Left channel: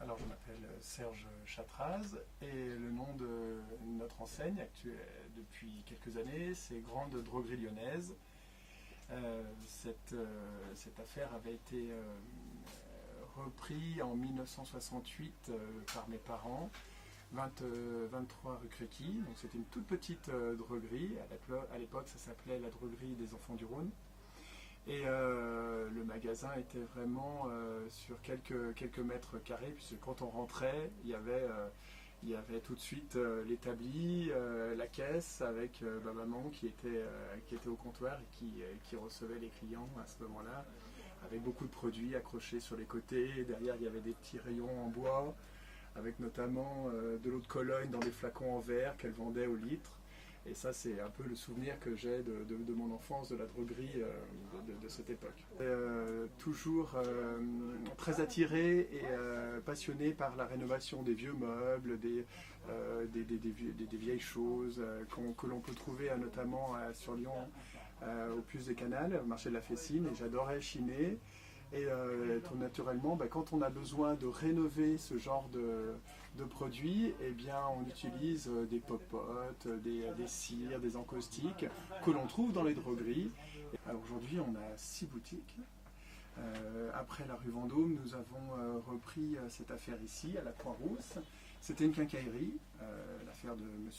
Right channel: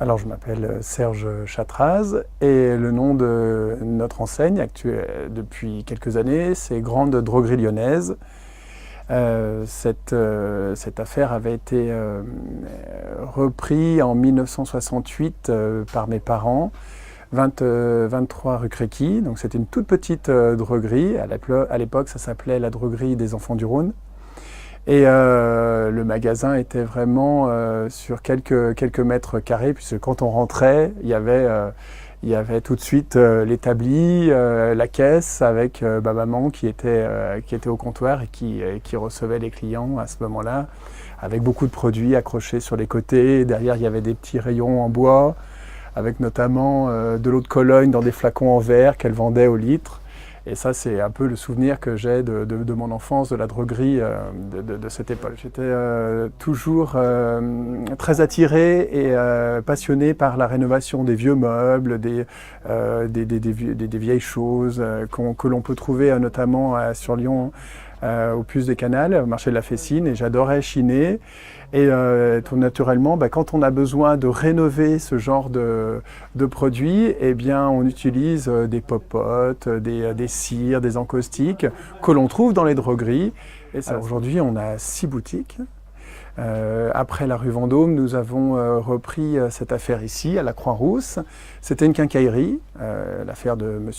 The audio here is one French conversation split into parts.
Alors, je m'appelle Serge Chatraz et le nom de notre enseigne actuelle depuis quelques années, c'est Grande Droguerie Lyonnaise. Cette affaire avait été reprise en 1968 par mes parents, 23 rue Créqui. Donc c'était une toute petite droguerie. À l'époque, ça s'appelait la droguerie des Enfants du Rhône. Et le magasin était vraiment sur quelques mètres carrés, puisque quand on rentrait, il y avait tout de suite l'établi, la caisse avec maman qui était au comptoir et qui recevait les clients à ce moment-là, avec beaucoup de produits accrochés sur les côtés. Derrière, il y avait des petits rayons en bois, avec notamment de l'eau de Cologne dans des flacons en verre qu'elle vendait au litre. Et ça, c'est un peu le souvenir que j'ai de mon enfance, de la droguerie de cette époque. J'étais toujours très attiré et passionné par la rénovation des vieux meubles, des vieilles choses que l'on peut trouver notamment sur Lyon, au Puce des Canals, au marché de la Fessine. Et j'adorais chiner. Et tout naturellement, quand on a besoin de rénover ce genre de produits, eh bien, on utilise des popotes, des cires, des encaustiques que l'on trouve dans les drogueries. Et aujourd'hui, on a 6 boutiques. Après la rue Vendôme, nous avons repris cette affaire ici, à la Croix-Rousse. C'était une quincaillerie, l'affaire de M.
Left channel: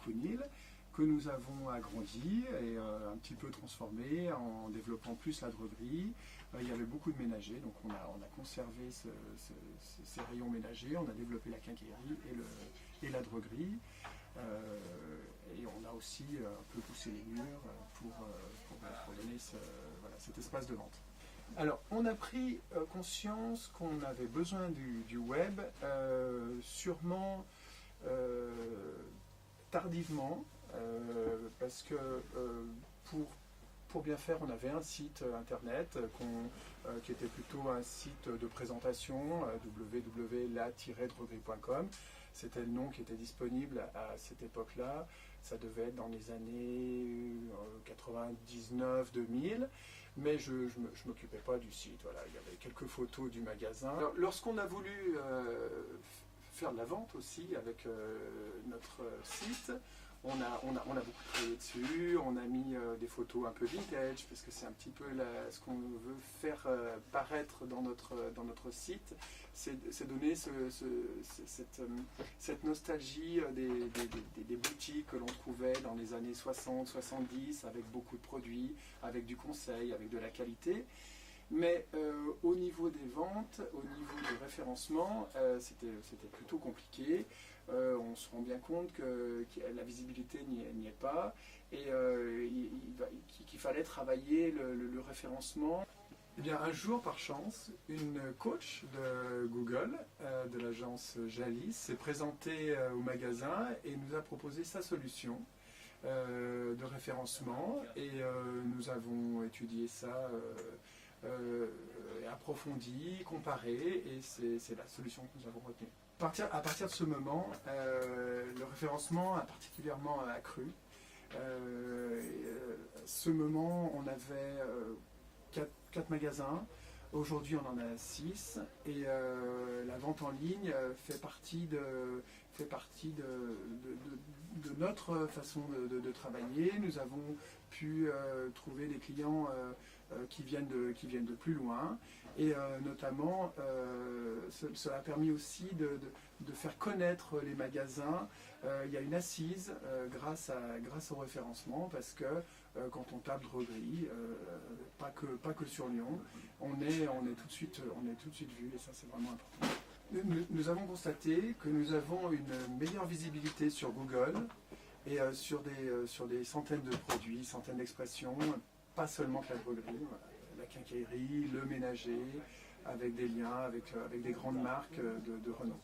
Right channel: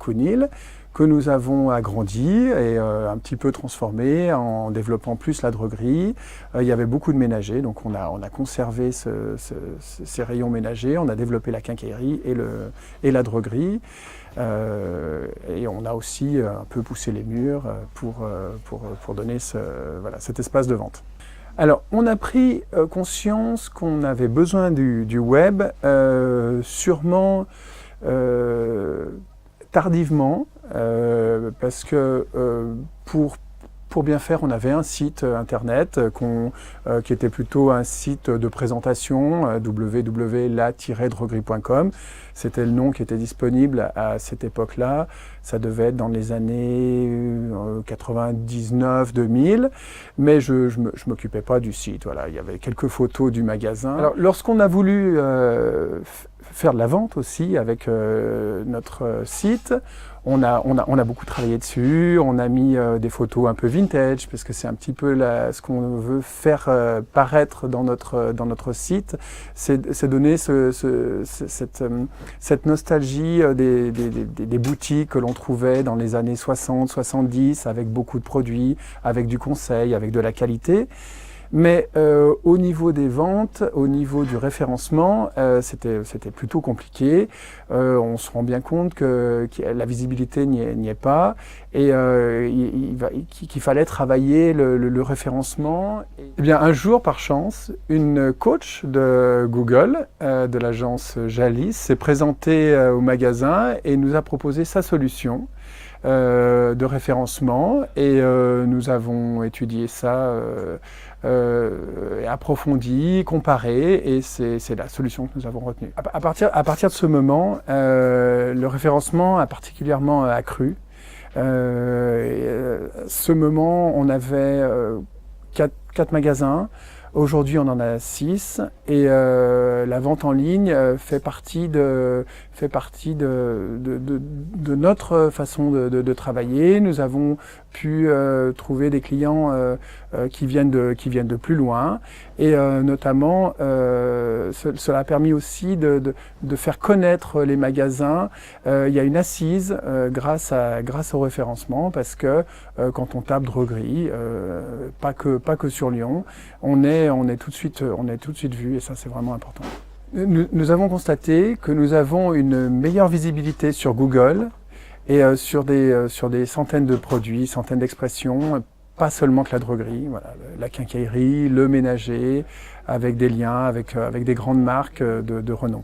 Counil, que nous avons agrandi et un petit peu transformé en développant plus la droguerie. Il y avait beaucoup de ménagers, donc on a conservé ces rayons ménagers, on a développé la quincaillerie et la droguerie. Et on a aussi un peu poussé les murs pour donner cet espace de vente. Alors, on a pris conscience qu'on avait besoin du web, sûrement tardivement, parce que pour bien faire, on avait un site internet qui était plutôt un site de présentation, www.la-droguerie.com. C'était le nom qui était disponible à cette époque-là. Ça devait être dans les années 99-2000, mais je ne m'occupais pas du site. Voilà, il y avait quelques photos du magasin. Alors, lorsqu'on a voulu faire de la vente aussi avec notre site, on a beaucoup travaillé dessus, on a mis des photos un peu vintage, parce que c'est un petit peu ce qu'on veut faire paraître dans notre site, c'est donner cette nostalgie des boutiques que l'on trouvait dans les années 60-70, avec beaucoup de produits, avec du conseil, avec de la qualité. Mais au niveau des ventes, au niveau du référencement, c'était plutôt compliqué. On se rend bien compte que la visibilité n'y est pas et qu'il fallait travailler le référencement. Eh bien, un jour, par chance, une coach de Google, de l'agence Jalis, s'est présentée au magasin et nous a proposé sa solution de référencement et nous avons étudié ça approfondi, comparé, et c'est la solution que nous avons retenue. À partir de ce moment, le référencement a particulièrement accru. Ce moment, on avait 4 magasins. Aujourd'hui, on en a 6 et la vente en ligne fait partie de notre façon de travailler. Nous avons pu trouver des clients qui viennent de plus loin et notamment cela a permis aussi de faire connaître les magasins. Il y a une assise grâce au référencement, parce que quand on tape droguerie, pas que sur Lyon, on est tout de suite vu, et ça, c'est vraiment important. Nous avons constaté que nous avons une meilleure visibilité sur Google et sur des centaines de produits, centaines d'expressions, pas seulement que la droguerie, voilà, la quincaillerie, le ménager, avec des liens avec des grandes marques de renom.